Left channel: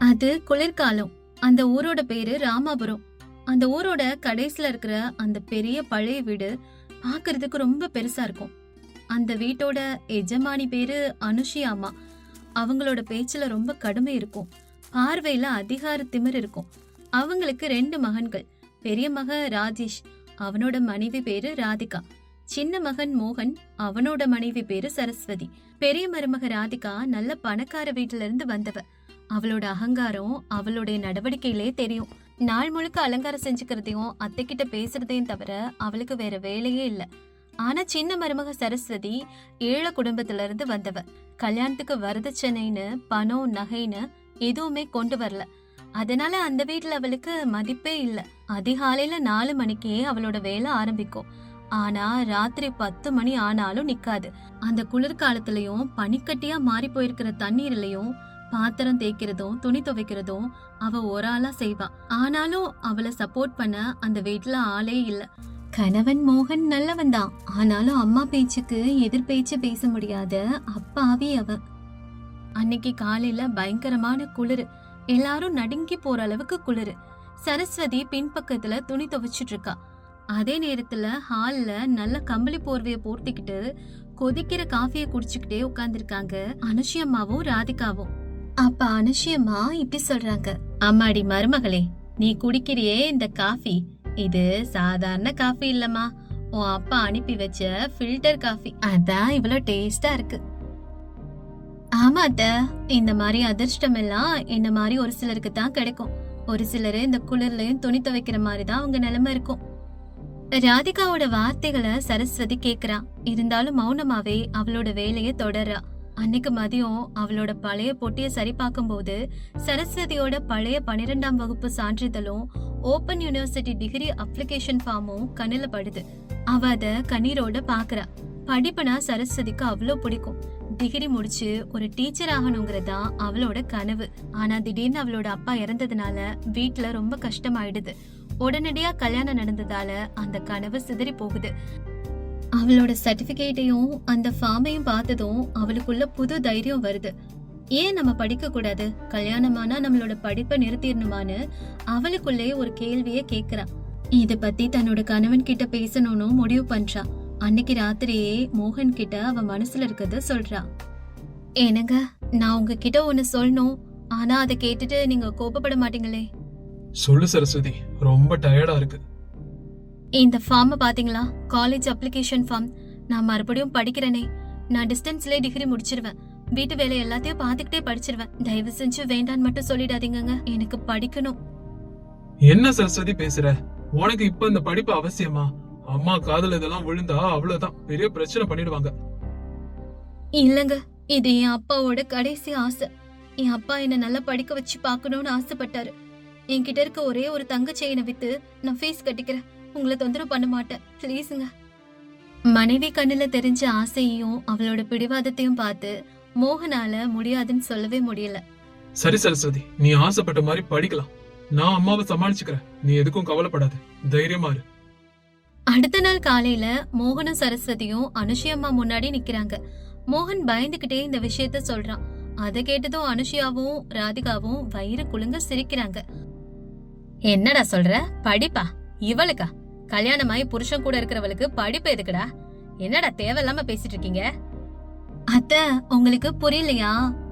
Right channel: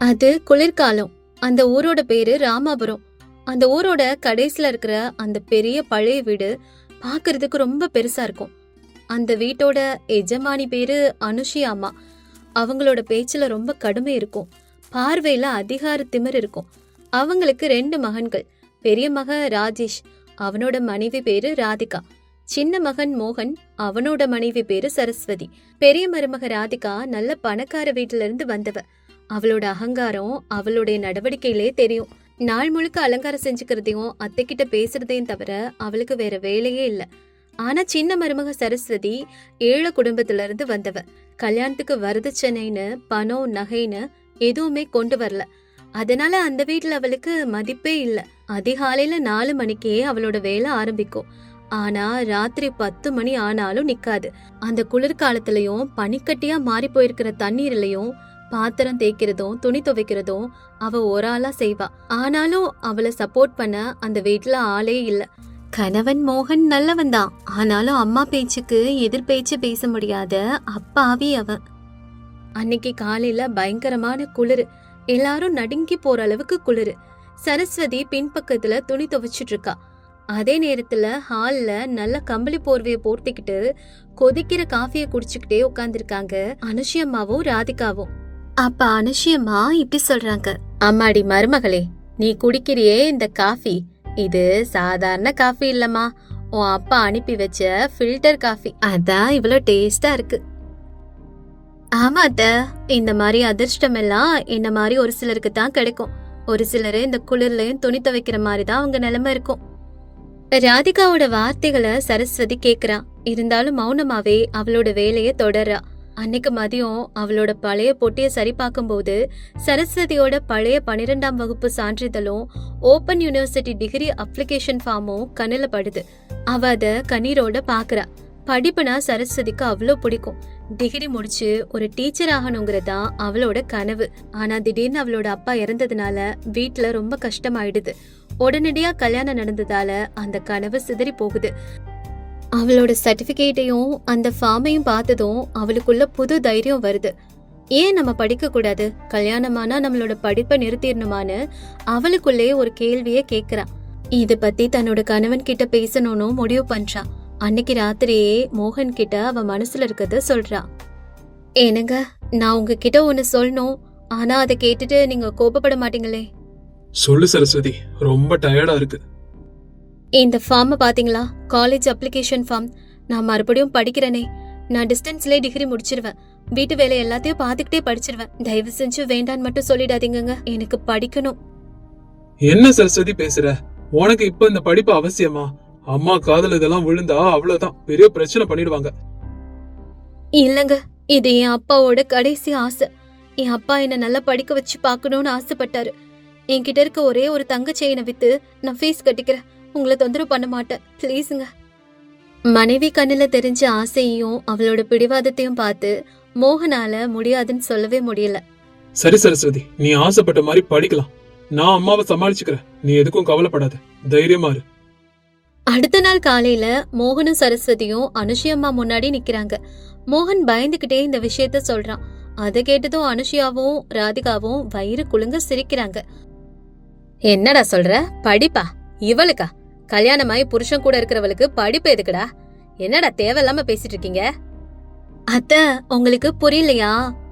அது குளிர்காலம். அந்த ஊரோட பேரு ராமாபுரம். அந்த ஊரோட கடைசில இருக்கிற அந்த பெரிய பழைய வீடு பாக்குறதுக்கு ரொம்ப பெருசா இருக்கும். அந்த வீட்டோட எஜமானி பேரு அனுஷி அம்மா. அவங்களோட பேச்சுல ரொம்ப கடுமை இருக்கும். பார்வையில அதிகார திமிர் இருக்கும். அவங்களுக்கு 2 மகன்கள். பெரிய மகன் ராஜேஷ், அவனோட மனைவி பேரு ராதிகா. சின்ன மகன் மோகன், அவனோட மனைவி பேரு சரஸ்வதி. பெரிய மருமக ராதிகா நல்ல பணக்கார வீட்டுல இருந்து வந்தவ. அவளோட அகங்காரம் அவளுடைய நடவடிக்கையிலே தெரியும். நாள் முழுக்க அலங்காரம் செஞ்சுக்கிறதையும் அத்தைக்கிட்ட பேசுறதையும் தவிர அவளுக்கு வேற வேலையே இல்ல. ஆனா சின்ன மருமக சரஸ்வதி ஏழை குடும்பத்துல இருந்து வந்தவ. கல்யாணத்துக்கு வரதட்சணைன்னு பணம் நகைன்னு எதுவுமே கொண்டு வரல. அதனால அந்த வீட்டுல அவளுக்கு மதிப்பே இல்ல. அதிகாலையில 4 மணிக்கே அவளோட வேலை ஆரம்பிக்கும். ஆனா ராத்திரி 10 மணி ஆனாலும் நிக்காது. அந்த குளிர்காலத்திலயும் பனிக்கட்டியா மாறி போயிருக்கிற தண்ணீர்லயும் பாத்திரம் தேய்க்கிறதும் துணி துவைக்கிறதும் அவ ஒரு ஆளா செய்வா. ஆனாலும் அவளை சப்போர்ட் பண்ண அந்த வீட்டுல ஆளே இல்ல. கணவன் மோகன் நல்லவன் தான். ஆனாலும் அம்மா பேச்சுக்கு எதிர் பேச்சு பேச முடியாத அப்பாவி அவன். அன்னைக்கு காலையில பயங்கரமான குளிரு. எல்லாரும் நடுங்கி போற அளவுக்கு குளிரு. சரஸ்வதி பின்பக்கத்துல துணி துவைச்சிட்டு இருக்கா. அதே நேரத்துல ஹால்ல நல்ல கம்பளி போர்வைய போர்த்திக்கிட்டு கொதிக்கிற காஃபிய குடிச்சுக்கிட்டே உட்கார்ந்துருக்காங்க அனுஷி அம்மாவும் ராதிகாவும். அப்ப அனுஷி அம்மா இப்படி சொல்றாங்க, அம்மாடி மருமகளே, நீ குடிக்கிறியே இந்த காஃபி, இது சாதாரண காஃபி இல்லம்மா, உன் அப்பா அனுப்பி வச்ச ஃபில்டர் காஃபி. அதான் இவ்வளவு டேஸ்டா இருக்கு. ஆமா அத்த, இந்த மாதிரி அதிர்ஷ்டம் எல்லாம் என்ன மாதிரி ஒரு சிலருக்கு தான் கிடைக்கும். ஒரு சிலரு இந்த குளிர்லயும் துணி துவைக்கிற மாதிரிதான் அவங்க நிலைமை இருக்கும். ராதிகாவோட வார்த்தைகளை சரஸ்வதி கேக்குறா. இருந்தாலும் மௌனமாவே அவளோட வேலைய தொடர்றா. அன்னைக்கு மதியம் அவளோட பழைய பொட்டிய சரி பார்க்கும் போது சரஸ்வதியோட பழைய 12ஆம் வகுப்பு சான்றிதழும் ஓபன் யூனிவர்சிட்டி டிகிரி அப்ளிகேஷன் ஃபார்மும் கண்ணுல படுது. அவ அத கண்ணீரோட பாக்குறா. படிப்புனா சரஸ்வதிக்கு அவ்வளோ பிடிக்கும். டிகிரி முடிச்சு ஒரு டீச்சர் ஆகணுங்கிறதா அவளோட கனவு. ஆனா திடீர்னு அவளோட அப்பா இறந்ததுனால வீட்டுல ரொம்ப கஷ்டமாயிடுது. உடனடியா கல்யாணம் நடந்ததால அந்த கனவு சிதறி போகுது. அவளோட சர்டிபிகேட்டையும் அந்த ஃபார்மையும் பார்த்ததும் அவளுக்குள்ள புது தைரியம் வருது. ஏன் நம்ம படிக்க கூடாது, கல்யாணமானா நம்மளோட படிப்பை நிறுத்திடணுமான்னு அவளுக்குள்ளே ஒரு கேள்விய கேக்குறான். இத பத்தி தன்னோட கணவன் கிட்ட பேசணும்னு முடிவு பண்றான். அன்னைக்கு ராத்திரியே மோகன் கிட்ட அவ மனசுல இருக்கத சொல்றா. ஏனுங்க, நான் உங்ககிட்ட ஒன்னு சொல்லணும், ஆனா அதை கேட்டுட்டு நீங்க கோபப்பட மாட்டீங்களே? சொல்லு சரஸ்வதி, ரொம்ப டயர்டா இருக்கு. இந்த ஃபார்ம் பாத்தீங்களா, காலேஜ் அப்ளிகேஷன் ஃபார்ம். நான் மறுபடியும் படிக்கிறேனே, நான் டிஸ்டன்ஸ்லயே டிகிரி முடிச்சிருவேன். வீட்டு வேலை எல்லாத்தையும் பாத்துக்கிட்டே படிச்சிருவேன். தயவு செஞ்சு வேண்டான்னு மட்டும் சொல்லிடாதீங்க, எனக்கு படிக்கணும். என்ன சரஸ்வதி பேசுற? உனக்கு இப்ப இந்த படிப்பு அவசியமா? அம்மா காதல் இதெல்லாம் விழுந்தா அவ்வளவுதான், பெரிய பிரச்சனை பண்ணிடுவாங்க. இல்லங்க, இது என் அப்பாவோட கடைசி ஆசை. என் அப்பா என்ன நல்லா படிக்க வச்சு பாக்கணும்னு ஆசைப்பட்டாரு. என்கிட்ட இருக்க ஒரே ஒரு தங்க செயினை வித்து நான் ஃபீஸ் கட்டிக்கிறேன். உங்களை தொந்தரவு பண்ண மாட்டேன், பிளீஸுங்க. மனைவி கண்ணுல தெரிஞ்ச ஆசையையும் அவளோட பிடிவாதத்தையும் பார்த்து மோகனால முடியாதுன்னு சொல்லவே முடியல. சரி சரஸ்வதி, நீ ஆசைப்பட்ட மாதிரி படிக்கலாம். நான் அம்மாவை சமாளிச்சுக்கிறேன், நீ எதுக்கும் கவலைப்படாத, தைரியமா இரு. அடுத்த நாள் காலையில மோகனும் சரஸ்வதியும் அனுஷி அம்மா முன்னாடி நிக்கிறாங்க. மோகன் பயந்துகிட்டே இந்த விஷயத்த சொல்றான். அதை கேட்டதும் அனுஷியாவும் ராதிகாவும் வயிறு குலுங்க சிரிக்கிறாங்க. என்னடா சொல்ற, படிப்பா? இவளுக்கா? கல்யாணமாயி புருஷன் கூட இருக்கிறவளுக்கு படிப்பு எதுக்குடா? என்னடா தேவையில்லாம பேசிட்டு இருக்கீங்க? அத்த, உங்களுக்கு புரியலையா?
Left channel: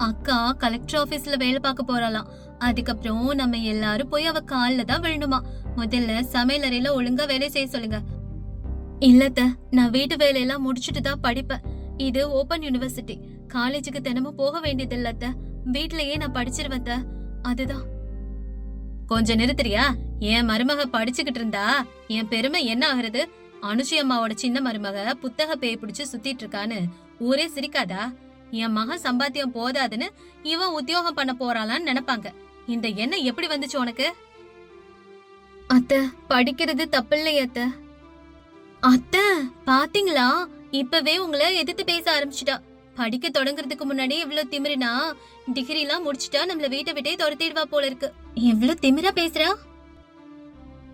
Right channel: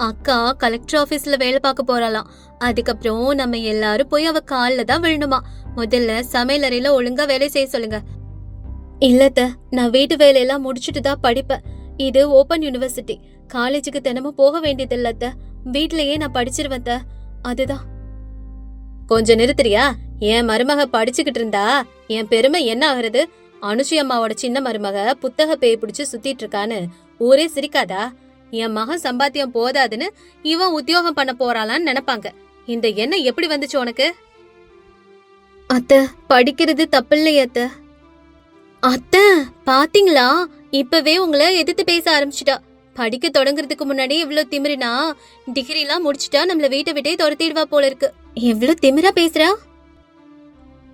அக்கா கலெக்டர் ஆபீஸ்ல வேலை பார்க்க போறாளாம். அதுக்கப்புறம் நம்ம எல்லாரும் போய் அவ கால்ல தான் விழணுமா. முதல்ல சமையலறையில ஒழுங்கா வேலை செய்ய சொல்லுங்க. இல்லத்த, நான் வீட்டு வேலையெல்லாம் முடிச்சுட்டு தான் படிப்பேன். இது ஓபன் யூனிவர்சிட்டி, காலேஜுக்கு தினமும் போக வேண்டியது இல்லத்த. வீட்லயே நான் படிச்சிருவேன். அதுதான். கொஞ்சம் நிறுத்துறியா? என் மருமக படிச்சுக்கிட்டு இருந்தா என் பெருமை என்ன ஆகுறது? அனுஷி அம்மாவோட சின்ன மருமக புத்தக பேய் பிடிச்சு சுத்திட்டு இருக்கான்னு ஊரே சிரிக்காதா? என் மகன் சம்பாத்தியம் போதாதுன்னு இவன் உத்தியோகம் பண்ண போறாளான்னு நினைப்பாங்க. இந்த எண்ணம் எப்படி வந்துச்சு உனக்கு? அத்த, படிக்கிறது தப்பில்லையே அத்த. அத்த, பாத்தீங்களா, இப்பவே உங்களை எதிர்த்து பேச ஆரம்பிச்சுட்டா. படிக்க தொடங்குறதுக்கு முன்னாடி இவ்வளவு திமிரினா டிகிரி எல்லாம் முடிச்சுட்டா நம்மள வீட்டை விட்டே துரத்திடுவா போல இருக்கு. எவ்வளவு திமிரா பேசுறா.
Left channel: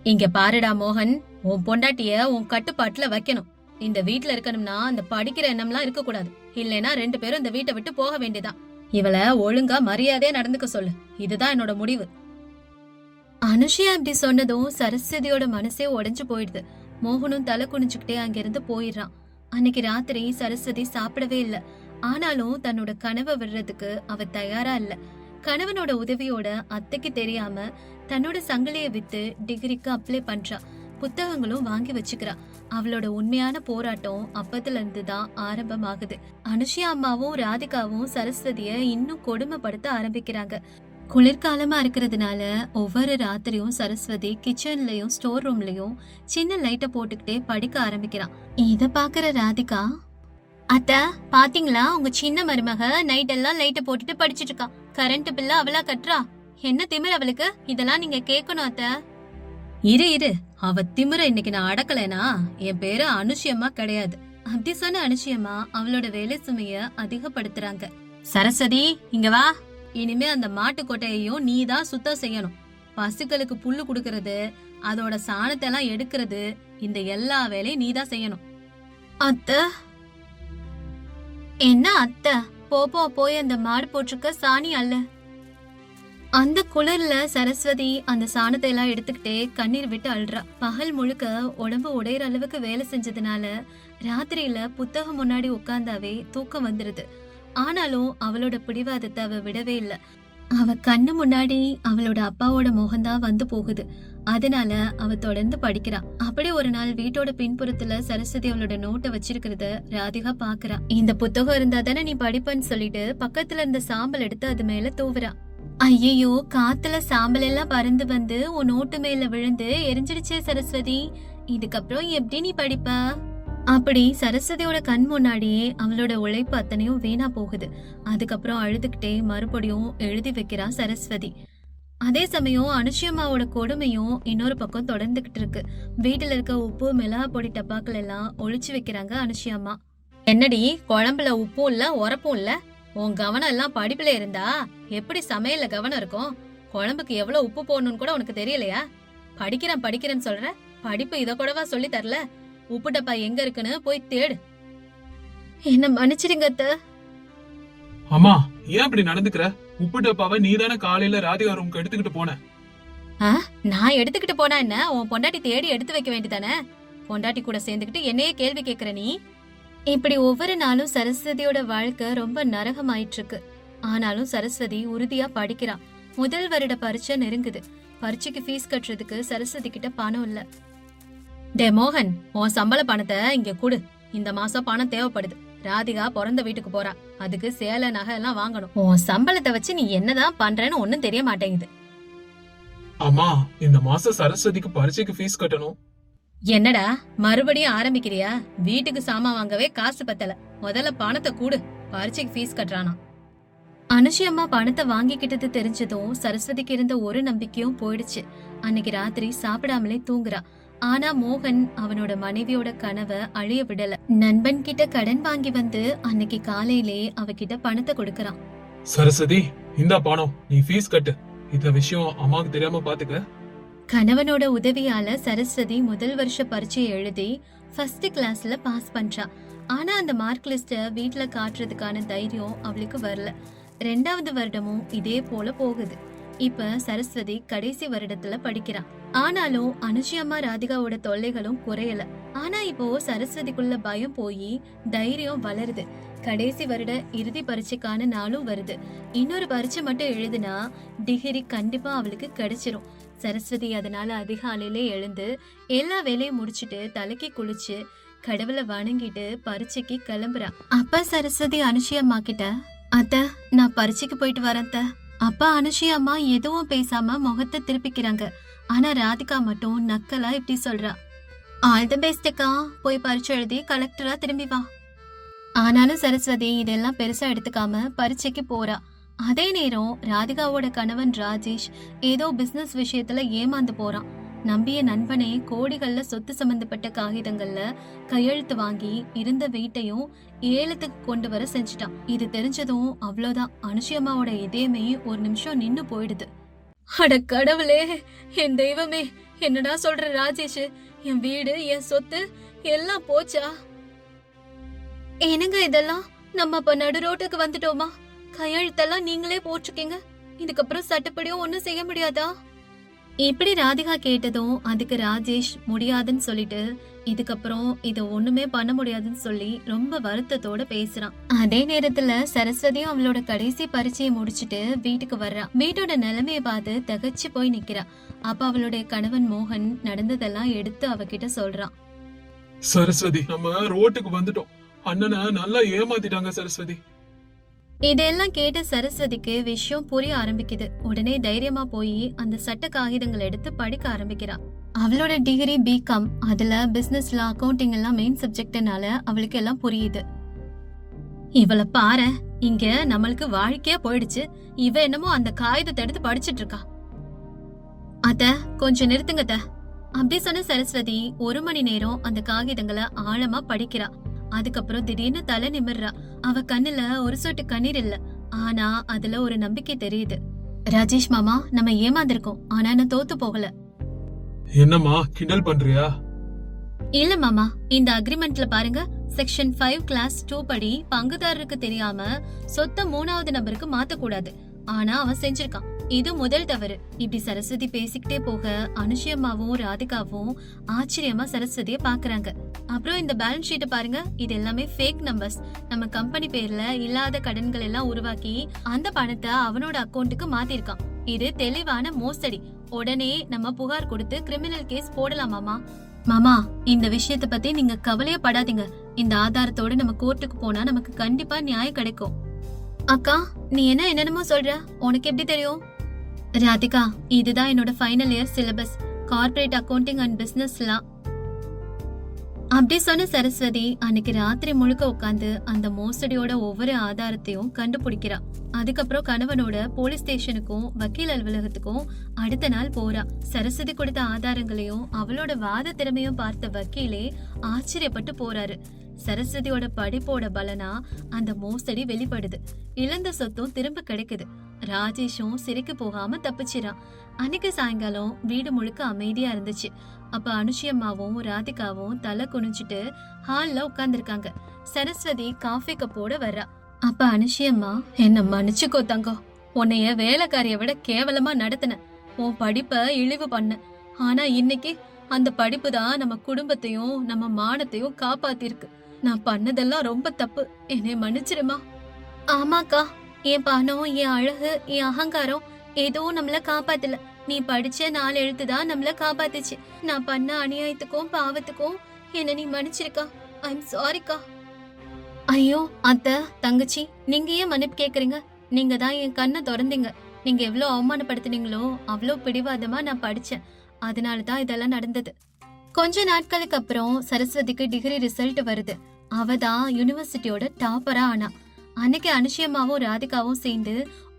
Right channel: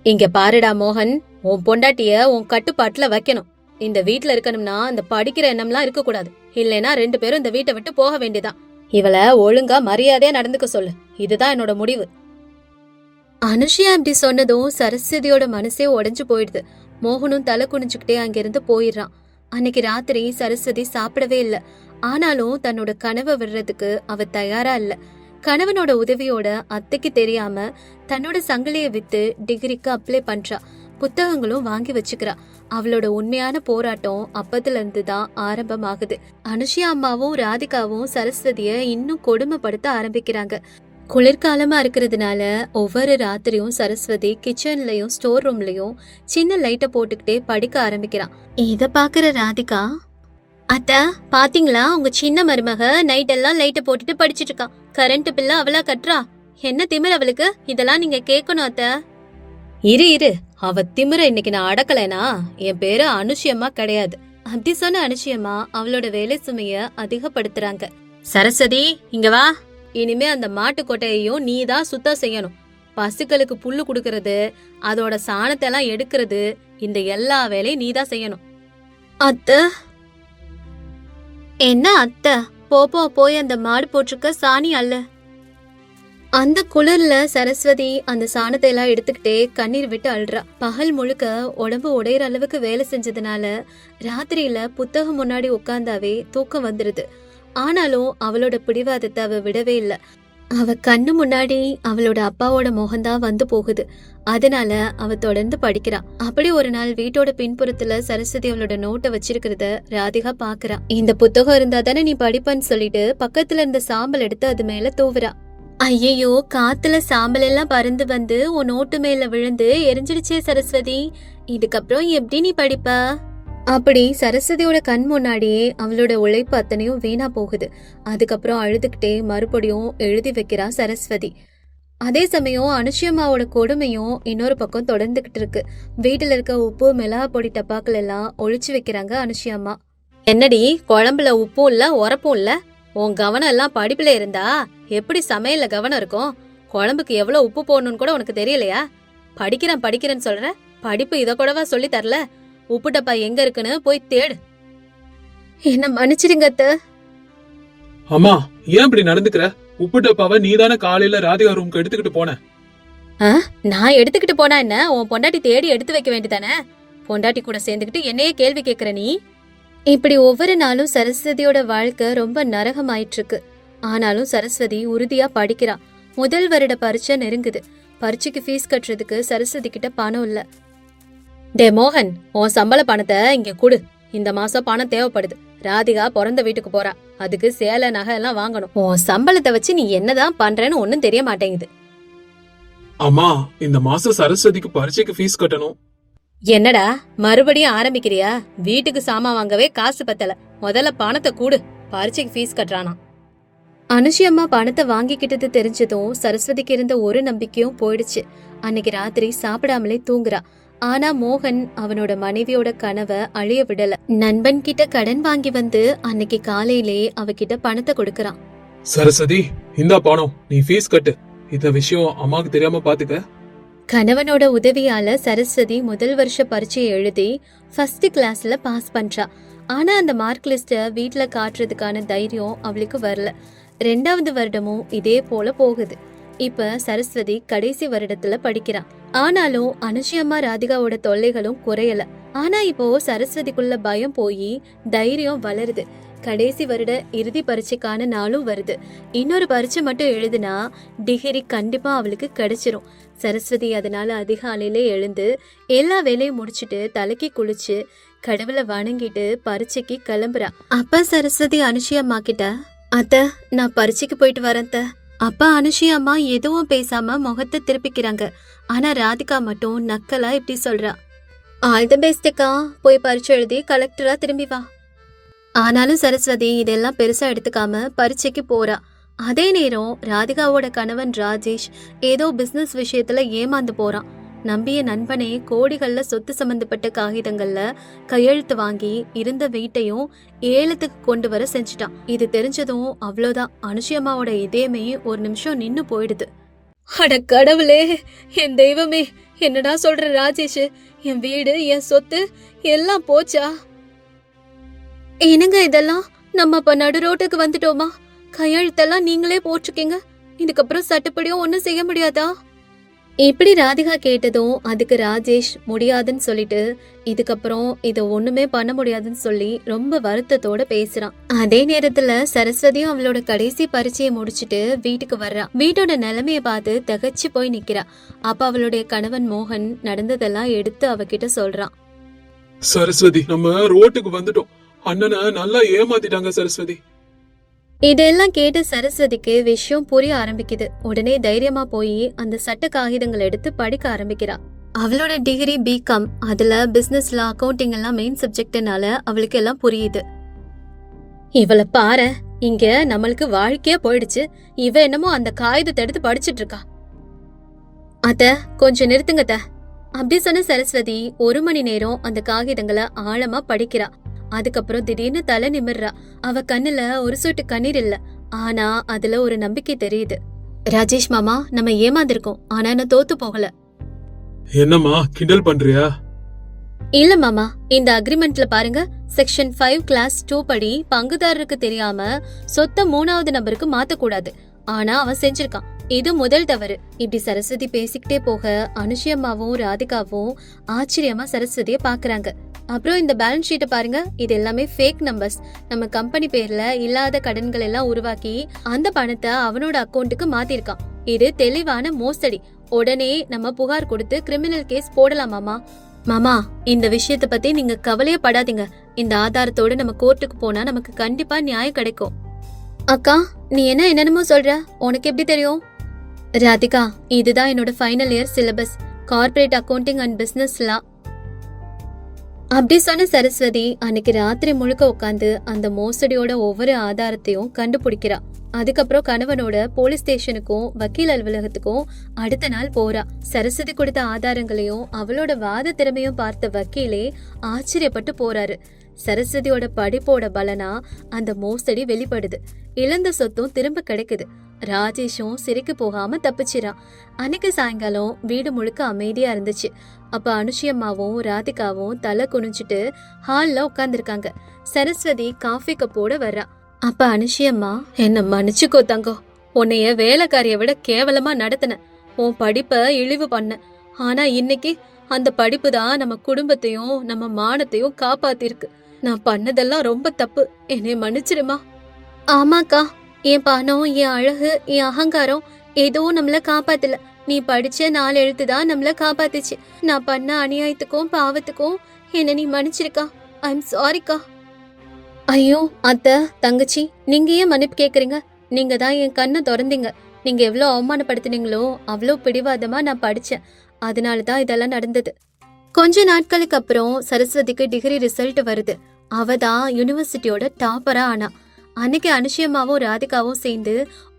இங்க பாருடா மோகன், உன் பொண்டாட்டிய உன் கட்டுப்பாட்டுல வைக்கணும். இந்த வீட்டுல இருக்கணும்னா அந்த படிக்கிற எண்ணம்லாம் இருக்க கூடாது. இல்லைன்னா 2 பேரும் இந்த வீட்டை விட்டு போக வேண்டியதான். இவளை ஒழுங்கா மரியாதையா நடந்துக்க சொல்லு. இதுதான் என்னோட முடிவு. அனுஷியா அப்படி சொன்னதும் சரஸ்வதியோட மனசே உடைஞ்சு போயிடுது. மோகனும் தலை குனிஞ்சுக்கிட்டே அங்கிருந்து போயிடுறான். அன்னைக்கு ராத்திரி சரஸ்வதி சாப்பிடவே இல்ல. ஆனாலும் தன்னோட கனவை விடுறதுக்கு அவ தயாரா இல்ல. கணவனோட உதவியோட அத்தைக்கு தெரியாம தன்னோட சங்கிலிய வித்து டிகிரிக்கு அப்ளை பண்றா. புத்தகங்களும் வாங்கி வச்சுக்கிறா. அவளோட உண்மையான போராட்டம் அப்பத்துல இருந்து தான் ஆரம்பமாகுது. அனுஷியா அம்மாவும் ராதிகாவும் சரஸ்வதிய இன்னும் கொடுமைப்படுத்த ஆரம்பிக்கிறாங்க. குளிர்காலமா இருக்கிறதுனால ஒவ்வொரு ராத்திரியும் சரஸ்வதி கிச்சன்லயும் ஸ்டோர் ரூம்லயும் சின்ன லைட்ட போட்டுக்கிட்டே படிக்க ஆரம்பிக்கிறான். இத பாக்குற ராதிகா, அத்த பாத்தீங்களா, உங்க சின்ன மருமக நைட் எல்லாம் லைட்ட போட்டுட்டு படிச்சிட்டு இருக்கா. கரண்ட் பில்ல அவளா கட்டுறா. என்ன திமிர் அவளுக்கு? இதெல்லாம் நீங்க கேட்கணும் அத்த. இரு, அவ திமிர இன்னைக்கு நான் அடக்கலைனா என் பேரு அனுஷியம்மா கிடையாது. அப்படி சொன்ன அனுஷியம்மா அவளோட வேலை சுமைய அதிகப்படுத்துறாங்க. சரஸ்வதி, இங்க வா. இனிமே அந்த மாட்டு கொட்டையையும் நீ தான் சுத்தம் செய்யணும். பசுக்களுக்கு புல்லு குடுக்கறது, அதோட சாணத்தை எல்லாம் எடுக்கிறது, இந்த எல்லா வேலையும் நீ தான் செய்யணும். அத்த, என்ன அத்த? போய் அந்த மாடு போட்டிருக்க சாணி அல்ல. அந்த குளிர்ல சரஸ்வதி அந்த சாணத்தை எல்லாம் எடுத்துக்கிட்டே கண்ணீர் விட்டு அழுறா. பகல் முழுக்க உடம்பு உடையிற அளவுக்கு வேலை செஞ்சதுனால ராத்திரியில புத்தகம் முன்னாடி உட்கார்ந்தாவே தூக்கம் வந்துருது. ஆனாலும் அவளோட பிடிவாதத்தை அவ விடவே இல்ல. அவ கண்ணு முன்னாடி அவளோட அப்பாவோட முகம்தான் வந்து போகுது. அதனால அவ தொடர்ந்து படிக்கிறா. அப்படி ஒரு நாள் வீட்டோட பின்புறத்துல சரஸ்வதி அவளோட நோட்டை வச்சிருக்கிறத ராதிகா பாக்குறா. இந்த புத்தகம் இருந்தா தானே நீ படிப்பன்னு சொல்லிட்டு பக்கத்துல இருந்த சாம்பல் எடுத்து அது மேல தூவுறா. ஐயோ, காத்துல சாம்பல் எல்லாம் பறந்து வந்து உன் நோட்டு மேல விழுந்து எரிஞ்சிடுச்சே சரஸ்வதி. இதுக்கப்புறம் எப்படி நீ படிப்ப? அப்படி சரஸ்வதியோட கண் முன்னாடியே அவளோட உழைப்பு அத்தனையும் வீணா போகுது. அதுக்கப்புறம் அழுதுகிட்டே மறுபடியும் எழுதி வைக்கிறா சரஸ்வதி. அதே சமயம் அனுஷியம்மாவோட கொடுமையும் இன்னொரு பக்கம் தொடர்ந்துகிட்டு இருக்கு. வீட்டுல இருக்க உப்பு மிளகா பொடி டப்பாக்கள் எல்லாம் ஒழிச்சு வைக்கிறாங்க அனுஷியம்மா. என்னடி, குழம்புல உப்பும் இல்ல உரப்பும் இல்ல? உன் கவனம் எல்லாம் படிப்புல இருந்தா எப்படி சமையல்ல கவனம் இருக்கும்? குழம்புக்கு எவ்வளவு உப்பு போடணும்னு கூட உனக்கு தெரியலையா? படிக்கிறேன்னு சொல்ற, படிப்பு இத கூடவா சொல்லி தரல? உப்பு டப்பா எங்க இருக்குன்னு போய் தேடு. என்ன மன்னிச்சிடுங்க அத்த. அம்மா, ஏன் இப்படி நடந்துக்கிற? உப்பு டப்பாவை நீதானே காலையில ராதிகா ரூமுக்கு எடுத்துக்கிட்டு போன. நான் எடுத்துக்கிட்டு போனா என்ன? உன் பொண்டாட்டி தேடி எடுத்து வைக்க வேண்டியதானே? பொண்டாட்டி கூட சேர்ந்துக்கிட்டு என்னையே கேள்வி கேக்குற நீ? இப்படி ஒவ்வொரு நாளும் சரஸ்வதியோட வாழ்க்கை ரொம்ப நரகமாயிட்டு இருக்கு. ஆனாலும் சரஸ்வதி உறுதியா படிக்கிறா. முதல் வருட பரீட்சை நெருங்குது. பரீட்சைக்கு ஃபீஸ் கட்டுறதுக்கு சரஸ்வதி கிட்ட பணம் இல்ல. டே மோகன், உன் சம்பள பணத்தை இங்க குடு. இந்த மாசம் பணம் தேவைப்படுது. ராதிகா பிறந்த வீட்டுக்கு போறா. அதுக்கு சேலை நகை எல்லாம் வாங்கணும். உன் சம்பளத்தை வச்சு நீ என்னதான் பண்றேன்னு ஒன்னும் தெரிய மாட்டேங்குது. அம்மா, இந்த மாசம் சரஸ்வதிக்கு பரீட்சைக்கு ஃபீஸ் கட்டணும். என்னடா மறுபடியும் ஆரம்பிக்கிறியா? வீட்டுக்கு சாமான் வாங்கவே காசு பத்தல. முதல்ல பணத்தை கூடு. பரீட்சைக்கு ஃபீஸ் கட்டுறானா? அனுஷியம்மா பணத்தை வாங்கிக்கிட்டது தெரிஞ்சதும் சரஸ்வதிக்கு இருந்த ஒரு நம்பிக்கையும் போயிடுச்சு. அன்னைக்கு ராத்திரி சாப்பிடாமலே தூங்குறா. ஆனா மோகன் அவனோட மனைவியோட கனவை அழிய விடல. நண்பன் கிட்ட கடன் வாங்கி வந்து அன்னைக்கு காலையிலே அவகிட்ட பணத்தை கொடுக்கறான். சரஸ்வதி, இந்த பணம், நீ ஃபீஸ் கட்டு. இந்த விஷயம் அம்மாக்கு தெரியாம பாத்துக்க. கணவனோட உதவியால சரஸ்வதி முதல் வருஷ பரீட்சையை எழுதி ஃபர்ஸ்ட் கிளாஸ்ல பாஸ் பண்றா. ஆனா அந்த மார்க் லிஸ்ட வீட்டுல காட்டுறதுக்கான தைரியம் அவளுக்கு வரல. 2வது வருடமும் இதே போல போகுது. இப்ப சரஸ்வதி கடைசி வருடத்துல படிக்கிறா. ஆனாலும் அனுஷியம்மா ராதிகாவோட தொல்லைகளும் குறையல. ஆனா இப்போ சரஸ்வதிக்குள்ள பயம் போய் தைரியம் வளருது. கடைசி வருட இறுதி பரீட்சைக்கான நாளும் வருது. இன்னொரு பரீட்சை மட்டும் எழுதுனா டிகிரி கண்டிப்பா அவளுக்கு கிடைச்சிரும். சரஸ்வதி அதனால அதிகாலையிலே எழுந்து எல்லா வேலையும் முடிச்சிட்டு தலைக்கு குளிச்சு கடவுளை வணங்கிட்டு பரீட்சைக்கு கிளம்புறா. அப்ப சரஸ்வதி அனுஷியம்மா கிட்ட, அத்த நான் பரீட்சைக்கு போயிட்டு வரேன். அப்பா அனுஷியம்மா எதுவும் பேசாம முகத்தை திருப்பிக்கிறாங்க. ஆனா ராதிகா மட்டும் நக்கலா இப்படி சொல்றா, ஆல் தி பெஸ்ட்க்கா, போய் பரீட்சை எழுதி கலெக்டரா திரும்பி வா. ஆனாலும் சரஸ்வதி இதெல்லாம் பெருசா எடுத்துக்காம பரீட்சைக்கு போறா. அதே நேரம் ராதிகாவோட கணவன் ராஜேஷ் ஏதோ பிசினஸ் விஷயத்துல ஏமாந்து போறான். நம்பிய நண்பனே கோடிகள்ல சொத்து சம்பந்தப்பட்ட காகிதங்கள்ல கையெழுத்து வாங்கி இருந்த வீட்டையும் ஏலத்துக்கு கொண்டு வர செஞ்சுட்டான். இது தெரிஞ்சதும் அவ்வளவுதான், அனுஷியம்மாவோட இதயமே ஒரு நிமிஷம் நின்னு போயிடுது. அட கடவுளே, என் தெய்வமே, என்னடா சொல்ற ராஜேஷ்? என் வீடு, என் சொத்து எல்லாம் போச்சா? என்னங்க இதெல்லாம்? நம்ம அப்ப நடு ரோட்டுக்கு வந்துட்டோமா? கையெழுத்தெல்லாம் நீங்களே போட்டிருக்கீங்க, இதுக்கப்புறம் சட்டப்படியும் ஒண்ணும் செய்ய முடியாதா? இப்படி ராதிகா கேட்டதும் அதுக்கு ராஜேஷ் முடியாதுன்னு சொல்லிட்டு இதுக்கப்புறம் இத ஒண்ணுமே பண்ண முடியாதுன்னு சொல்லி ரொம்ப வருத்தத்தோட பேசுறான். அதே நேரத்துல சரஸ்வதியும் அவளோட கடைசி பரீட்சையை முடிச்சிட்டு வீட்டுக்கு வர்றா. வீட்டோட நிலைமைய பார்த்து திகைச்சு போய் நிக்கிறா. அப்ப அவளுடைய கணவன் மோகன் நடந்ததெல்லாம் எடுத்து அவகிட்ட சொல்றான். சரஸ்வதி, நம்ம ரோட்டுக்கு வந்துட்டோம். அண்ணனை நல்லா ஏமாத்திட்டாங்க சரஸ்வதி. இதெல்லாம் கேட்ட சரஸ்வதிக்கு விஷயம் புரிய ஆரம்பிக்குது. உடனே தைரியமா போய் அந்த சட்ட காகிதங்கள் எடுத்து படிக்க ஆரம்பிக்கிறா. அவளோட டிகிரி பிகாம், அதுல பிசினஸ்ல அக்கவுண்டிங் எல்லாம் மெயின் சப்ஜெக்ட்னால அவளுக்கு எல்லாம் புரியுது. இவள பாரு, இங்க நம்மளுக்கு வாழ்க்கையா போயிடுச்சு. இவ என்னமோ அந்த காகிதத்தை எடுத்து படிச்சிட்டு இருக்கா. அத்த, கொஞ்சம் நிறுத்துங்க அத்த. அப்படி சொன்ன சரஸ்வதி 1 மணி நேரம் அந்த காகிதங்களை ஆழமா படிக்கிறா. அதுக்கப்புறம் திடீர்னு தலை நிமிர்றா. அவ கண்ணுல ஒரு சொட்டு கண்ணீர் இல்ல, ஆனா அதுல ஒரு நம்பிக்கை தெரியுது. ராஜேஷ் மாமா, நம்ம ஏமாந்திருக்கோம், ஆனா நான் தோத்து போகல. என்னம்மா கிண்டல் பண்றியா? இல்ல மாமா, இந்த அக்ரிமெண்ட்ல பாருங்க, செக்ஷன் 5 கிளாஸ் 2 படி பங்குதாரருக்கு தெரியாம சொத்த 3வது நபருக்கு மாத்த கூடாது. ஆனா அவன் செஞ்சிருக்கான். இது முதல் தவறு. இப்படி சரஸ்வதி பேசிக்கிட்டே போக அனுஷியம்மாவும் ராதிகாவும் ஆச்சரியமா சரஸ்வதிய பாக்குறாங்க. அப்புறம் இந்த பேலன்ஸ் ஷீட்டை பாருங்க, இது எல்லாமே ஃபேக் நம்பர்ஸ். நம்ம கம்பெனி பேர்ல இல்லாத கடன்கள் எல்லாம் உருவாக்கி அந்த பணத்தை அவனோட அக்கௌண்ட்டுக்கு மாத்திருக்கான். இது தெளிவான மோசடி. உடனே நம்ம புகார் கொடுத்து கிரிமினல் கேஸ் போடலாமாமா? மாமா, இந்த விஷயத்த பத்தி நீங்க கவலையே படாதீங்க. இந்த ஆதாரத்தோட நம்ம கோர்ட்டுக்கு போனா நமக்கு கண்டிப்பா நியாயம் கிடைக்கும். அக்கா, நீ என்னென்னமோ சொல்ற, உனக்கு எப்படி தெரியும்? ராதிகா, இதுதான் என்னோட final year syllabus, corporate accounting and business law. அப்படி சொன்ன சரஸ்வதி அன்னைக்கு ராத்திரி முழுக்க உட்காந்து அந்த மோசடியோட ஒவ்வொரு ஆதாரத்தையும் கண்டுபிடிக்கிறா. அதுக்கப்புறம் கணவனோட போலீஸ் ஸ்டேஷனுக்கும் வக்கீல் அலுவலகத்துக்கும் அடுத்த நாள் போறா. சரஸ்வதி கொடுத்த ஆதாரங்களையும் அவளோட வாத திறமையும் பார்த்த வக்கீலே ஆச்சரியப்பட்டு போறாரு. சரஸ்வதியோட படிப்போட பலனா அந்த மோசடி வெளிப்படுது. இழந்த சொத்தும் திரும்ப கிடைக்குது. ராஜேஷும் சிறைக்கு போகாம தப்பிச்சிரான். அன்னைக்கு சாயங்காலம் வீடு முழுக்க அமைதியா இருந்துச்சு. அப்ப அனுஷியம்மாவும் ராதிகாவும் தலை குனிஞ்சிட்டு ஹால்ல உட்கார்ந்துருக்காங்க. சரஸ்வதி காஃபி கப்போட வர்றா. அப்ப அனுஷியம்மா, என்ன மன்னிச்சுக்கோ தங்கம், உன்னைய வேலைக்காரிய விட கேவலமா நடத்தின, உன் படிப்ப இழிவு பண்ண. ஆனா இன்னைக்கு அந்த படிப்பு தான் நம்ம குடும்பத்தையும் நம்ம மானத்தையும் காப்பாத்திருக்கு. நான் பண்ணதெல்லாம் ரொம்ப தப்பு, என்னை மன்னிச்சிருமா. ஆமாக்கா, என் பணம், என் அழகு, என் அகங்காரம் எதுவும் நம்மள காப்பாத்தல. நீ படிச்ச 4 எழுத்து தான் நம்மள காப்பாத்துச்சு. நான் பண்ண அநியாயத்துக்கும் பாவத்துக்கும் என்ன நீ மன்னிச்சிருக்கா. ஐ எம் சாரிக்கா. ஐயோ அத்தை, தங்கச்சி, நீங்க ஏன் மன்னிப்பு கேக்குறீங்க? நீங்க தான் என் கண்ணை திறந்தீங்க. நீங்க எவ்வளவு அவமானப்படுத்தினீங்களோ அவ்வளவு பிடிவாதமா நான் படிச்சேன். அதனாலதான் இதெல்லாம் நடந்தது. கொஞ்ச நாட்களுக்கு அப்புறம் சரஸ்வதிக்கு டிகிரி ரிசல்ட் வருது. அவ தான் யூனிவர்சிட்டியோட டாப்பரா ஆனா. அன்னைக்கு அனுஷியம்மாவும் ராதிகாவும் சேர்ந்து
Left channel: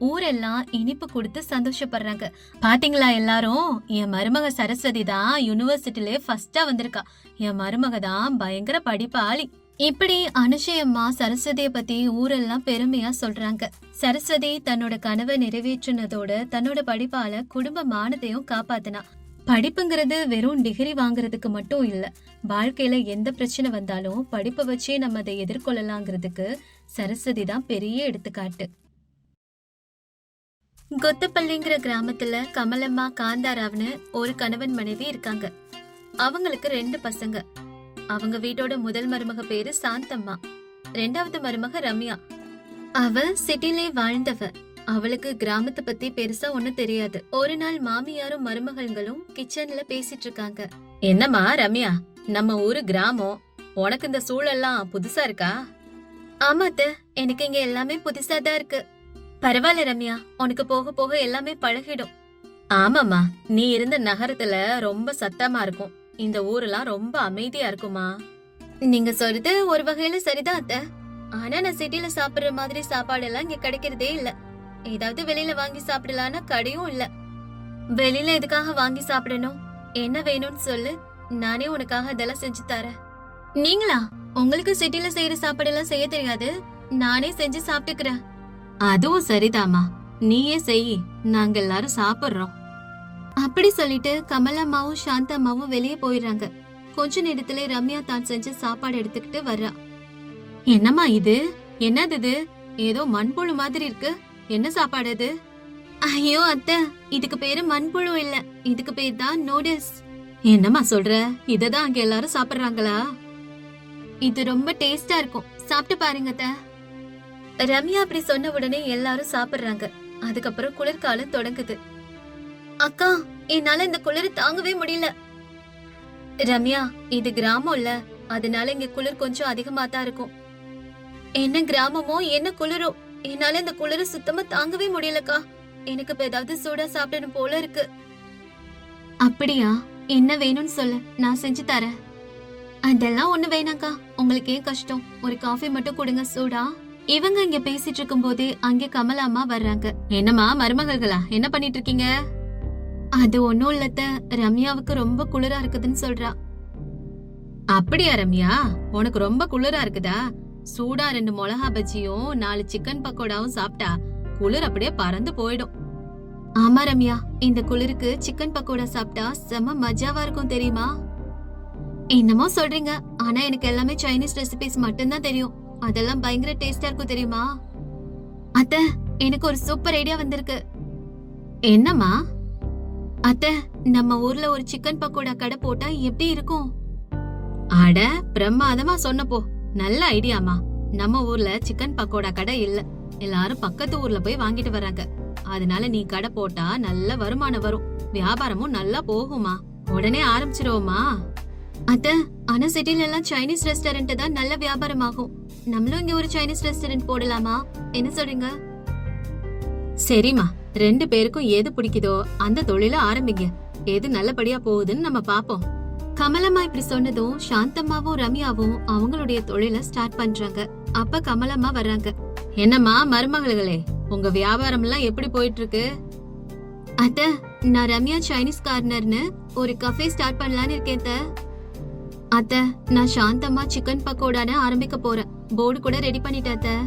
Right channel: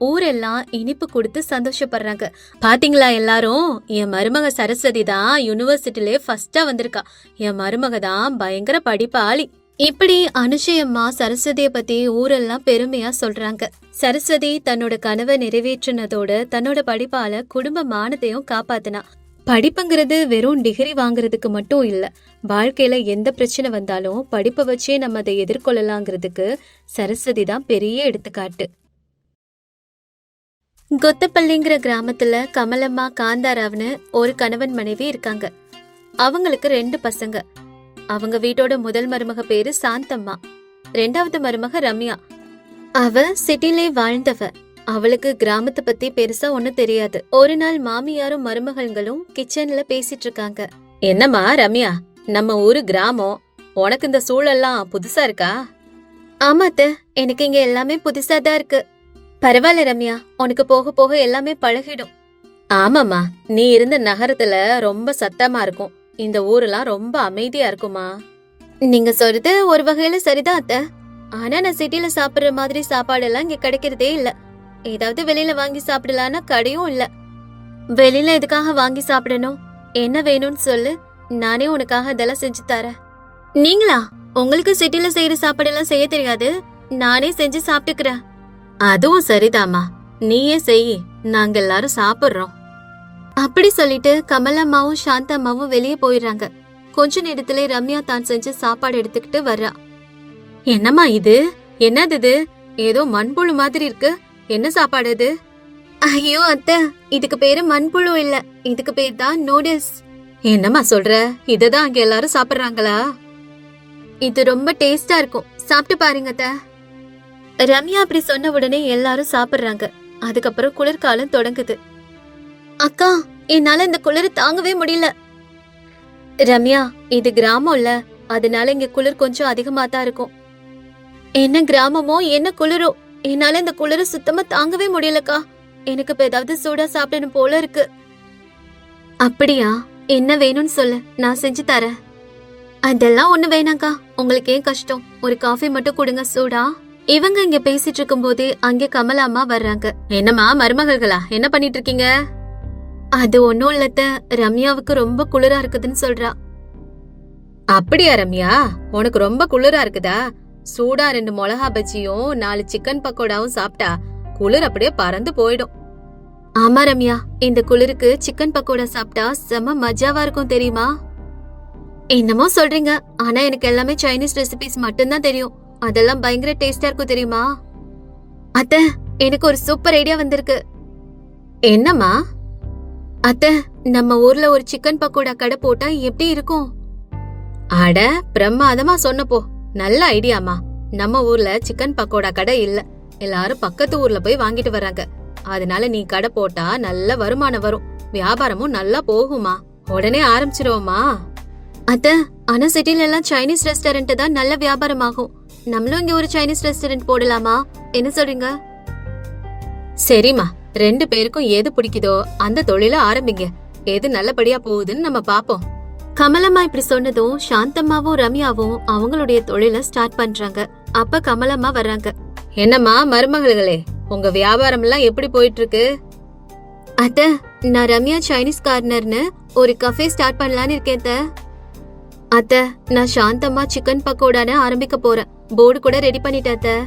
ஊரெல்லாம் இனிப்பு கொடுத்து சந்தோஷப்படுறாங்க. பாத்தீங்களா எல்லாரும், என் மருமக சரஸ்வதி தான் யூனிவர்சிட்டிலே ஃபர்ஸ்டா வந்திருக்கா. என் மருமக தான் பயங்கர படிப்பாளி. இப்படி அனுஷியம்மா சரஸ்வதிய பத்தி ஊரெல்லாம் பெருமையா சொல்றாங்க. சரஸ்வதி தன்னோட கனவை நிறைவேற்றினதோட தன்னோட படிப்பால குடும்ப மானத்தையும் காப்பாத்தினா. படிப்புங்கிறது வெறும் டிகிரி வாங்குறதுக்கு மட்டும் இல்ல. வாழ்க்கையில எந்த பிரச்சனை வந்தாலும் படிப்பை வச்சே நம்ம அதை எதிர்கொள்ளலாங்கிறதுக்கு சரஸ்வதி தான் பெரிய எடுத்துக்காட்டு. கொத்தப்பள்ளிங்கிற கிராமத்துல கமலம்மா காந்தாராவ்னு ஒரு கணவன் மனைவி இருக்காங்க. அவங்களுக்கு 2 பசங்க. அவங்க வீட்டோட முதல் மருமக பேரு சாந்தம்மா, 2வது மருமக ரம்யா. அவ சிட்டிலே வாழ்ந்தவ. அவளுக்கு கிராமத்தை பத்தி பெருசா ஒண்ணும் தெரியாது. ஒரு நாள் மாமியாரும் மருமகள்களும் கிச்சன்ல பேசிட்டு இருக்காங்க. என்னம்மா ரம்யா, நம்ம ஊரு கிராமம், உனக்கு இந்த சூழல்லாம் புதுசா இருக்கா? ஆமாத்த, எனக்கு இங்க எல்லாமே புதுசா தான் இருக்கு. பரவாயில்ல ரம்யா, உனக்கு போக போக எல்லாமே பழகிடும். ஆமாமா, நீ இருந்த நகரத்துல ரொம்ப சத்தமா இருக்கும், இந்த ஊரெல்லாம் ரொம்ப அமைதியா இருக்குமா. நீங்க சொல்றது ஒரு வகையில சரிதான் அத்த. ஆனா நான் சிட்டில சாப்பிடுற மாதிரி சாப்பாடு எல்லாம் இங்க கிடைக்கிறதே இல்ல. ஏதாவது வெளியில வாங்கி சாப்பிடலான்னா கடையும் இல்ல. வெளியில எதுக்காக வாங்கி சாப்பிடணும்? என்ன வேணும்னு சொல்லு, நானே உனக்காக இதெல்லாம் செஞ்சு தரேன். நீங்களா? உங்களுக்கு சிட்டில செய்யற சாப்பாடெல்லாம் செய்ய தெரியாது, நானே செஞ்சு சாப்பிட்டுக்கிறேன். அதுவும் சரிதாமா, நீயே செய், நாங்க எல்லாரும் சாப்பிடுறோம். அப்படி சொல்லிட்டு கமலம்மாவும் சாந்தம்மாவும் வெளியே போயிடுறாங்க. கொஞ்ச நேரத்திலே ரம்யா தான் செஞ்ச சாப்பாடு எடுத்துக்கிட்டு வர்றா. என்னம்மா இது? என்னது இது? ஏதோ மண்புழு மாதிரி இருக்கு. என்ன சாப்பாடு இது? ஐயோ அத்தை, இதுக்கு பேரு மண்புழு இல்ல, இதுக்கு பேர் தான் நூடுல்ஸ். என்னம்மா சொல்ற? இததான் அங்க எல்லாரும் சாப்பிடுறாங்களா? இது ரொம்ப டேஸ்டா இருக்கும், சாப்பிட்டு பாருங்க அத்தை. ரம்யா அப்படி சொன்ன உடனே எல்லாரும் சாப்பிடுறாங்க. அதுக்கப்புறம் குளிர்காலம் தொடங்குது. அக்கா, என்னால இந்த குளிர் தாங்கவே முடியல. ரம்யா, இது கிராமம்ல, அதனால இங்க குளிர் கொஞ்சம் அதிகமா தான் இருக்கும். என்ன கிராமமோ என்ன குளிரோ, என்னால இந்த குளிர சுத்தமா தாங்கவே முடியலக்கா. எனக்கு இப்ப ஏதாவது சூடா சாப்பிடணும் போல இருக்கு. அப்படியா? என்ன வேணும்னு சொல்லு, நான் செஞ்சு தரேன். அதெல்லாம் ஒண்ணு வேணாக்கா, உங்களுக்கு ஏன் கஷ்டம்? ஒரு காஃபி மட்டும் கொடுங்க சூடா. இவங்க இங்க பேசிட்டு இருக்கும் போதே அங்க கமலா அம்மா வர்றாங்க. என்னம்மா மருமகளா, என்ன பண்ணிட்டு இருக்கீங்க? அது ஒண்ணும் இல்லத்த, ரம்யாவுக்கு ரொம்ப குளிரா இருக்குதுன்னு சொல்றா. அப்படியா ரம்யா, உனக்கு ரொம்ப குளிரா இருக்குதா? சூடா 2 மிளகா பஜ்ஜியும் 4 சிக்கன் பக்கோடாவும் சாப்பிட்டா குளிர் அப்படியே பறந்து போயிடும். ஆமா ரம்யா, இந்த குளிருக்கு சிக்கன் பக்கோடா சாப்பிட்டா செம மஜாவா இருக்கும் தெரியுமா? என்னமோ சொல்றீங்க, ஆனா எனக்கு எல்லாமே சைனீஸ் ரெசிபிஸ் மட்டும்தான் தெரியும். அதெல்லாம் பயங்கர டேஸ்டா இருக்கும் தெரியுமா? அத்த, எனக்கு ஒரு சூப்பர் ஐடியா வந்திருக்கு. என்னம்மா? அத்த, நம்ம ஊர்ல ஒரு சிக்கன் பக்கோடா கடை போட்டா எப்படி இருக்கும்? அட பிரமாதமா சொன்னப்போ, நல்ல ஐடியாமா. நம்ம ஊர்ல சிக்கன் பக்கோடா கடை இல்ல, எல்லாரும் பக்கத்து ஊர்ல போய் வாங்கிட்டு வர்றாங்க. அதனால நீ கடை போட்டா நல்ல வருமானம் வரும், வியாபாரமும் நல்லா போகுமா. உடனே ஆரம்பிச்சிருவோமா? அத்த, ஆனா சிட்டில எல்லாம் சைனீஸ் ரெஸ்டாரண்ட் தான் நல்ல வியாபாரம் ஆகும். நம்மளும் இங்க ஒரு சைனீஸ் ரெஸ்டாரண்ட் போடலாமா? என்ன சொல்றீங்க? சரிம்மா, 2 பேருக்கும் எது பிடிக்குதோ அந்த தொழில ஆரம்பிங்க. எது நல்லபடியா போகுதுன்னு நம்ம பாப்போம். கமலம்மா இப்படி சொன்னதும் சாந்தம்மாவும் ரம்யாவும் அவங்களுடைய தொழில ஸ்டார்ட் பண்றாங்க. அப்ப கமலம்மா வர்றாங்க. என்னம்மா மருமகளே, உங்க வியாபாரம் எல்லாம் எப்படி போயிட்டு இருக்கு? அத்த, நான் ரம்யா சைனீஸ் கார்னர்னு ஒரு கஃபே ஸ்டார்ட் பண்ணலான்னு இருக்கேன். அத்த, நான் சாந்தம்மா சிக்கன் பக்கோடான்னு ஆரம்பிக்க போறேன். போர்டு கூட ரெடி பண்ணிட்டேன்.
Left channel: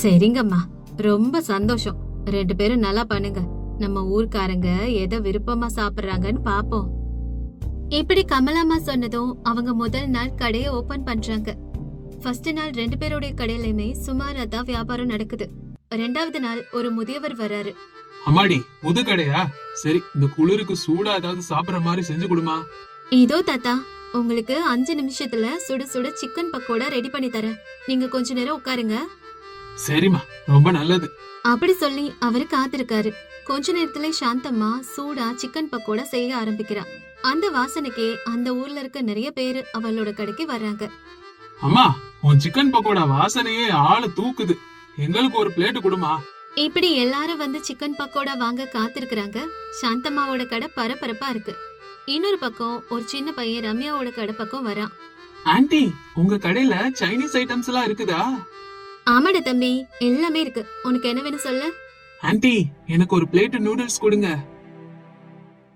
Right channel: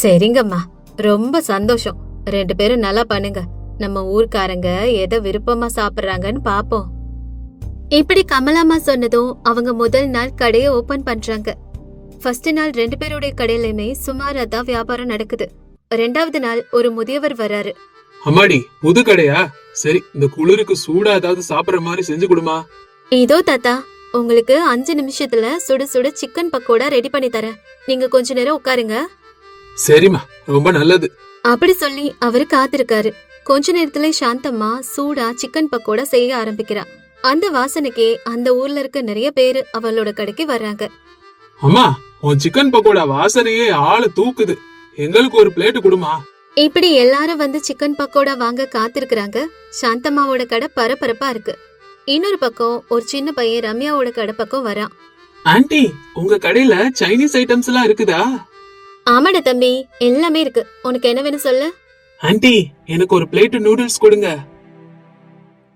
சரிங்கம்மா, ரொம்ப சந்தோஷம். 2 பேரும் நல்லா பண்ணுங்க. நம்ம ஊர்க்காரங்க எதை விருப்பமா சாப்பிடுறாங்கன்னு பாப்போம். இப்படி கமலாமா சொன்னதும் அவங்க முதல் நாள் கடையை ஓபன் பண்றாங்க. ஃபர்ஸ்ட் நாள் 2 பேருடைய கடையிலுமே சுமாரா தான் வியாபாரம் நடக்குது. 2வது நாள் ஒரு முதியவர் வராரு. அம்மாடி, புது கடையா? சரி, இந்த குளிருக்கு சூடா ஏதாவது சாப்பிடுற மாதிரி செஞ்சு கொடுமா. இதோ தாத்தா, உங்களுக்கு 5 நிமிஷத்துல சுட சுட சிக்கன் பக்கோடா ரெடி பண்ணி தரேன். நீங்க கொஞ்ச நேரம் உட்காருங்க. சரிம்மா, ரொம்ப நல்லது. அப்படி சொல்லி அவரு காத்திருக்காரு. கொஞ்ச நேரத்துல சாந்தம்மா சூடா சிக்கன் பக்கோடா செய்ய ஆரம்பிக்கிறா. அந்த வாசனைக்கே அந்த ஊர்ல இருக்க நிறைய பேரு அவளோட கடைக்கு வர்றாங்க. அம்மா, உன் சிக்கன் பக்கோடா வாசனையே ஆள தூக்குது. எங்களுக்கு ஒரு பிளேட் கொடுமா. இப்படி எல்லாரும் வந்து சிக்கன் பக்கோடா வாங்க காத்திருக்கிறாங்க. சாந்தம்மாவோட கடை பரபரப்பா இருக்கு. இன்னொரு பக்கம் ஒரு சின்ன பையன் ரம்யாவோட கடை பக்கம் வரான். ஆன்ட்டி, உங்க கடையில சைனீஸ் ஐட்டம்ஸ் எல்லாம் இருக்குதா? ஆமாடா தம்பி, எல்லாமே இருக்கு. உனக்கு என்ன வேணும் சொல்லு. ஆன்ட்டி, எனக்கு ஒரு பிளேட் நூடுல்ஸ் கொடுங்க.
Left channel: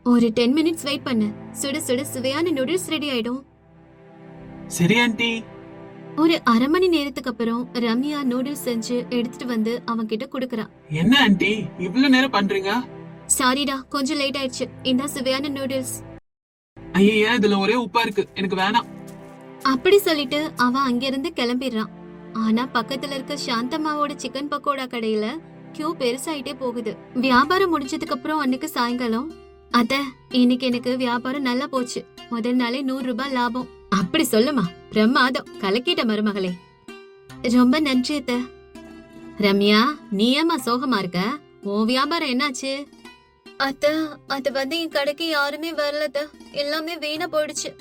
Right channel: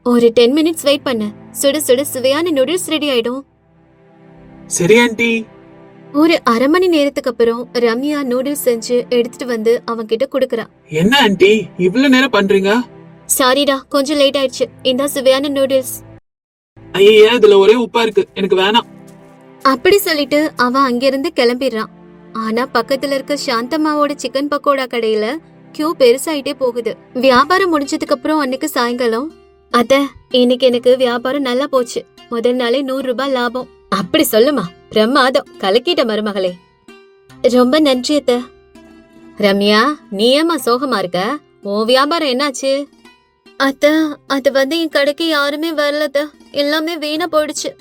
ஒரு 10 மினிட்ஸ் வெயிட் பண்ணு, சுட சுட சுவையான நூடுல்ஸ் ரெடி ஆயிடும். சரி ஆன்ட்டி. ஒரு அரை மணி நேரத்துக்கு அப்புறம் ரம்யா நூடுல்ஸ் செஞ்சு எடுத்துட்டு வந்து அவன் கிட்ட குடுக்கறா. என்ன ஆன்ட்டி, இவ்ளோ நேரம் பண்றீங்க? சாரிடா, கொஞ்சம் லேட் ஆயிடுச்சு. இந்த சுவையான நூடுல்ஸ். ஐயா, இதுல ஒரே உப்பா இருக்கு, எனக்கு வேணாம். அப்படி சொல்லிட்டு அவன் அங்கிருந்து கிளம்பிடுறான். ஆனா பக்கத்துல இருக்க சாந்தம்மாவோட சிக்கன் பக்கோடா கடையில கியூ பெருசாயிட்டே போகுது. வியாபாரம் முடிஞ்சதுக்கு அப்புறம் அன்னைக்கு சாயங்காலம், அத்த, இன்னைக்கு எனக்கு வியாபாரம் நல்லா போச்சு. முதல் நாளே 100 ரூபாய் லாபம். அப்படி சொல்லுமா, பிரமாதம், கலக்கிட்ட மருமகளே. ரொம்ப நன்றி அத்த. ரம்யா, நீ ஏமா சோகமா இருக்க? உன் வியாபாரம் என்னாச்சு? அத்த, அது வந்து என் கடைக்கு யாருமே வரலத, எல்லாமே வீணா போயிடுச்சு.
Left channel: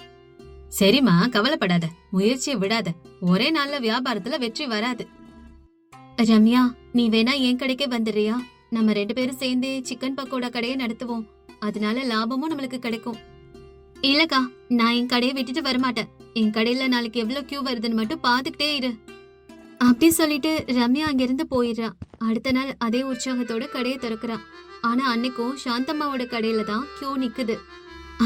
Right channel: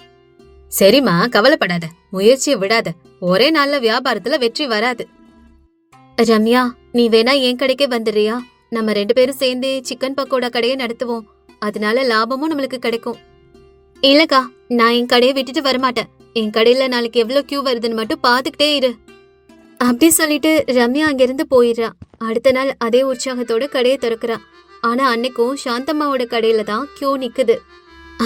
சரிம்மா, கவலைப்படாத, முயற்சியை விடாத. ஒரே நாள்ல வியாபாரத்துல வெற்றி வராது. ரம்யா, நீ வேணா என் கடைக்கே வந்துடுறியா? நம்ம 2 பேரும் சேர்ந்து சிக்கன் பக்கோடா கடையை நடத்துவோம். அதனால லாபமும் நம்மளுக்கு கிடைக்கும். இல்லக்கா, நான் என் கடையை விட்டுட்டு வரமாட்டேன். என் கடையில நாளைக்கு எவ்வளவு கியூ வருதுன்னு மட்டும் பாத்துக்கிட்டே இரு. அப்படி சொல்லிட்டு ரம்யா அங்கிருந்து போயிடுறா. அடுத்த நாள் அதே உற்சாகத்தோட கடையை திறக்கிறா. ஆனா அன்னைக்கும் சாந்தம்மாவோட கடையில தான் கியூ நிக்குது.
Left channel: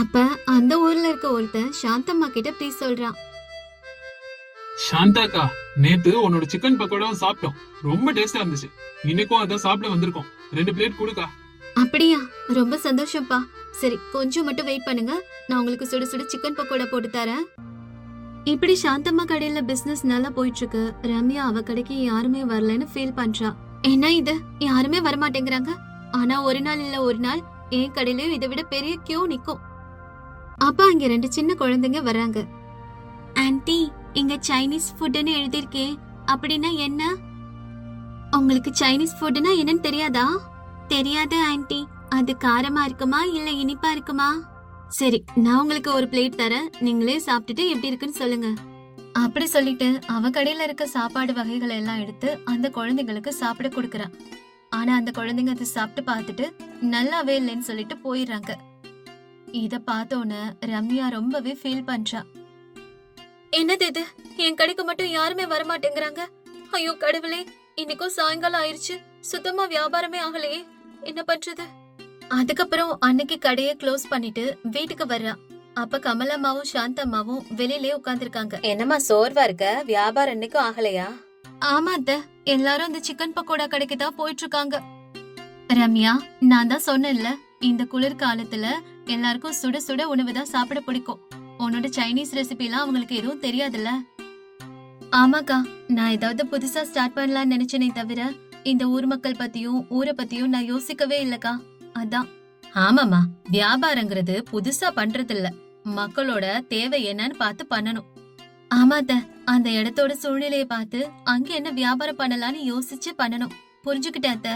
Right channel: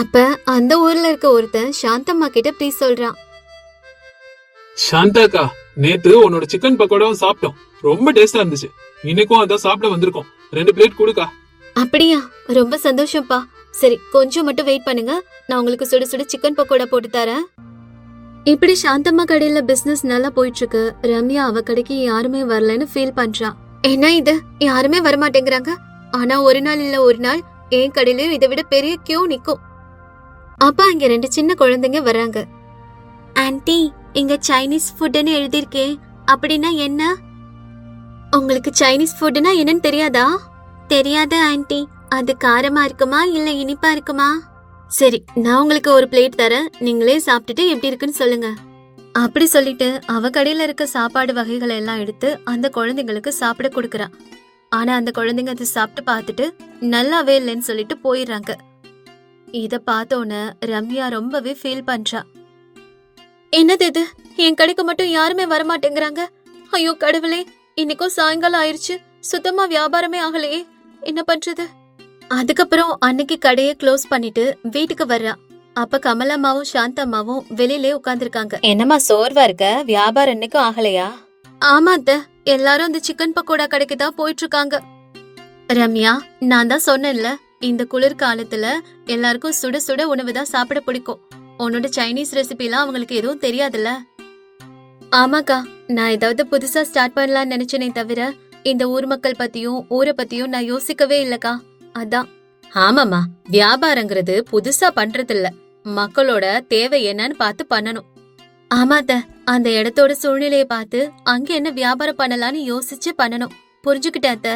அப்ப அந்த ஊர்ல இருக்க ஒருத்தன் சாந்தம்மா கிட்ட ப்ளீஸ் சொல்றான். சாந்தாக்கா, நேத்து உன்னோட சிக்கன் பக்கோடாவும் சாப்பிட்டோம், ரொம்ப டேஸ்டா இருந்துச்சு. இன்னைக்கும் அதான் சாப்பிட வந்திருக்கோம். 2 பிளேட் கொடுக்கா. அப்படியா? ரொம்ப சந்தோஷம்ப்பா. சரி, கொஞ்சம் மட்டும் வெயிட் பண்ணுங்க, நான் உங்களுக்கு சுட சுட சிக்கன் பக்கோடா போட்டு தரேன். இப்படி சாந்தம்மா கடையில பிசினஸ் நல்லா போயிட்டு இருக்கு. ரம்யா அவ கடைக்கு யாருமே வரலன்னு ஃபீல் பண்றா. என்ன இது, யாருமே வரமாட்டேங்கிறாங்க. ஆனா ஒரு நாள் இல்ல ஒரு நாள் என் கடையிலயும் இதை விட பெரிய கியூ நிக்கும். அப்பா இங்க 2 சின்ன குழந்தைங்க வராங்க. ஆன்ட்டி, இங்க சைனீஸ் ஃபுட்னு எழுதிருக்கே, அப்படின்னா என்ன? உங்களுக்கு சைனீஸ் ஃபுட்னா என்னன்னு தெரியாதா? தெரியாது ஆன்ட்டி. அது காரமா இருக்குமா இல்ல இனிப்பா இருக்குமா? சரி, நான் உங்களுக்கு ஒரு பிளேட் தரேன், நீங்களே சாப்பிட்டுட்டு எப்படி இருக்குன்னு சொல்லுங்க. அப்படி சொல்லிட்டு அவ கடையில இருக்க சாப்பாடு வகைகள் எல்லாம் எடுத்து அந்த குழந்தைங்களுக்கு சாப்பிட கொடுக்கறா. ஆனா அந்த குழந்தைங்க அதை சாப்பிட்டு பார்த்துட்டு நல்லாவே இல்லைன்னு சொல்லிட்டு போயிடுறாங்க. இத பார்த்தோன்னு ரம்யா ரொம்பவே ஃபீல் பண்றா. என்னது இது, என் கடைக்கு மட்டும் யாருமே வரமாட்டேங்கிறாங்க. ஐயோ கடவுளே, இன்னைக்கும் சாயங்காலம் ஆயிருச்சு, சுத்தமா வியாபாரமே ஆகலையே, என்ன பண்றது? அதுக்கப்புறம் அன்னைக்கு கடையை க்ளோஸ் பண்ணிட்டு வீட்டுக்கு வர்றா. அப்ப கமலம்மாவும் சாந்தம்மாவும் வெளியிலே உட்கார்ந்திருக்காங்க. என்னம்மா சோர்வா இருக்க, வியாபாரம் இன்னைக்கும் ஆகலையா? ஆமா அத்த, எல்லாரும் இந்த சிக்கன் பக்கோடா கடைக்கு தான் போயிட்டு இருக்காங்க. ரம்யா, நான் தான் சொன்னேன்ல, இந்த குளிர் காலத்துல எல்லாருக்கும் சுட சுட உணவு தான் சாப்பிட பிடிக்கும். உன்னோட சைனீஸ் ரெசிபி எல்லாம் அவங்களுக்கு எதுவும் தெரியாதுல்ல. ஆமாக்கா, நான் ஏதாவது புதுசா ஸ்டார்ட் பண்ணலாம்னு நினைச்சேனே தவிர இந்த ஊர் மக்கள் பத்தியும் ஊரை பத்தியும் நான் யோசிக்கவே இல்லக்கா, அதான். ஆமாமா, வியாபாரங்கிறது புதுசா பண்றது இல்ல, மக்களோட தேவை என்னன்னு பார்த்து பண்ணணும். ஆமாத, அந்த இடத்தோட சூழ்நிலைய பார்த்து அங்க என்ன வியாபாரம் பண்ணலாம்னு யோசிச்சு பண்ணணும். புரிஞ்சுக்கிட்டாத்த?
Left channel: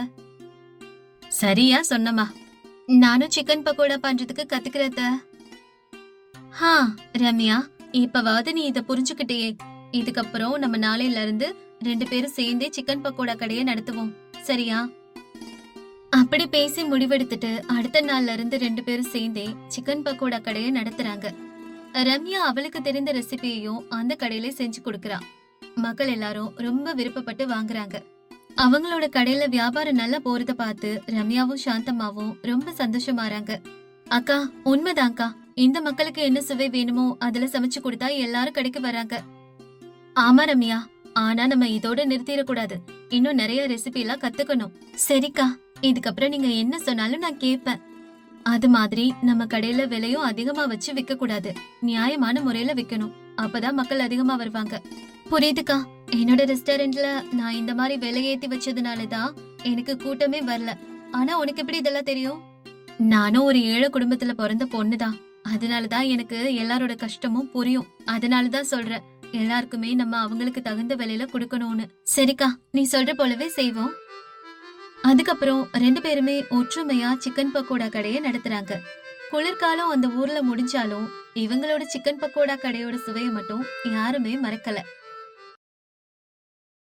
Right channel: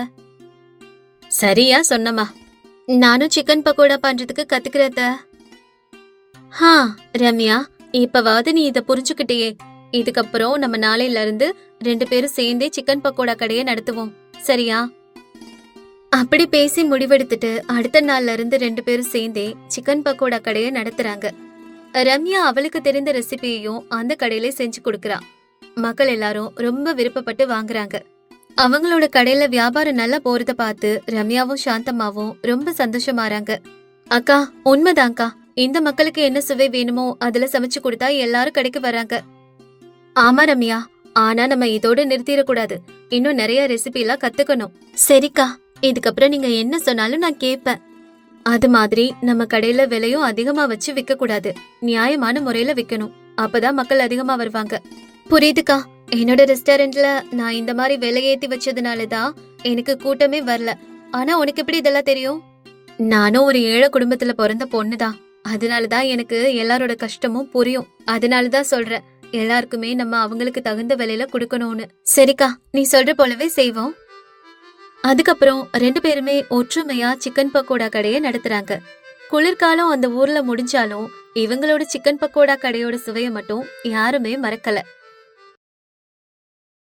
சரியா சொன்னமா. நானும் சிக்கன் பக்கோடா பண்றதுக்கு கத்துக்கிறத. ஹா ரம்யா, இப்பவாவது நீ இத புரிஞ்சுக்கிட்டியே. இதுக்கப்புறம் நம்ம நாளையில இருந்து 2 பேரும் சேர்ந்தே சிக்கன் பக்கோடா கடையை நடத்துவோம், சரியா? அப்படி பேசி முடிவெடுத்துட்டு அடுத்த நாள்ல இருந்து 2 பேரும் சேர்ந்தே சிக்கன் பக்கோடா கடையை நடத்துறாங்க. ரம்யா அவளுக்கு தெரிந்த ரெசிபியையும் அந்த கடையில செஞ்சு கொடுக்கறா. மக்கள் எல்லாரும் ரொம்ப விருப்பப்பட்டு வாங்குறாங்க. அவங்களோட கடையில வியாபாரம் நல்லா போறத பார்த்து ரம்யாவும் சாந்தம்மாவும் ரொம்ப சந்தோஷமாறாங்க. அக்கா, உண்மைதான்க்கா, இந்த மக்களுக்கு என்ன சுவை வேணுமோ அதுல சமைச்சு கொடுத்தா எல்லாரும் கடைக்கு வராங்க. ஆமா ரம்யா, ஆனா நம்ம இதோட நிறுத்திடக்கூடாது, இன்னும் நிறைய ரெசிபி எல்லாம் கத்துக்கணும். சரிக்கா, இதுக்கப்புறம் நீங்க என்ன சொன்னாலும் நான் கேட்பேன். அது மாதிரி நம்ம கடையில விலையும் அதிகமா வச்சு விற்க கூடாது, நியாயமான முறையில விக்கணும், அப்பதான் மக்கள் அதிகமா வருவாங்க. புரியுதுக்கா, என்னோட ரெஸ்டாரண்ட்ல நான் இந்த மாதிரி விலை ஏத்தி வச்சதுனாலதான் எனக்கு கூட்டமே வரல. ஆனா உனக்கு எப்படி இதெல்லாம் தெரியும்? நானும் ஒரு ஏழை குடும்பத்துல பிறந்த பொண்ணுதான், அதனாலதான் எனக்கு எல்லாரோட கஷ்டமும் புரியும். அதனாலதான் சொல்றேன், எல்லாருக்குமே நம்ம அவங்களுக்கு தகுந்த விலையில கொடுக்கணும்னு. சரிக்கா, நீ சொல்ற போலவே செய்வோம். அதுக்கப்புறம் 2 பேருமே ஒற்றுமையா சிக்கன் பக்கோடா கடையை நடத்துறாங்க. குளிர்காலம் அந்த ஊர்ல முடிஞ்சாலும் இவங்களோட சிக்கன் பக்கோடா கடையோட சுவையை மட்டும் யாருமே மறக்கல.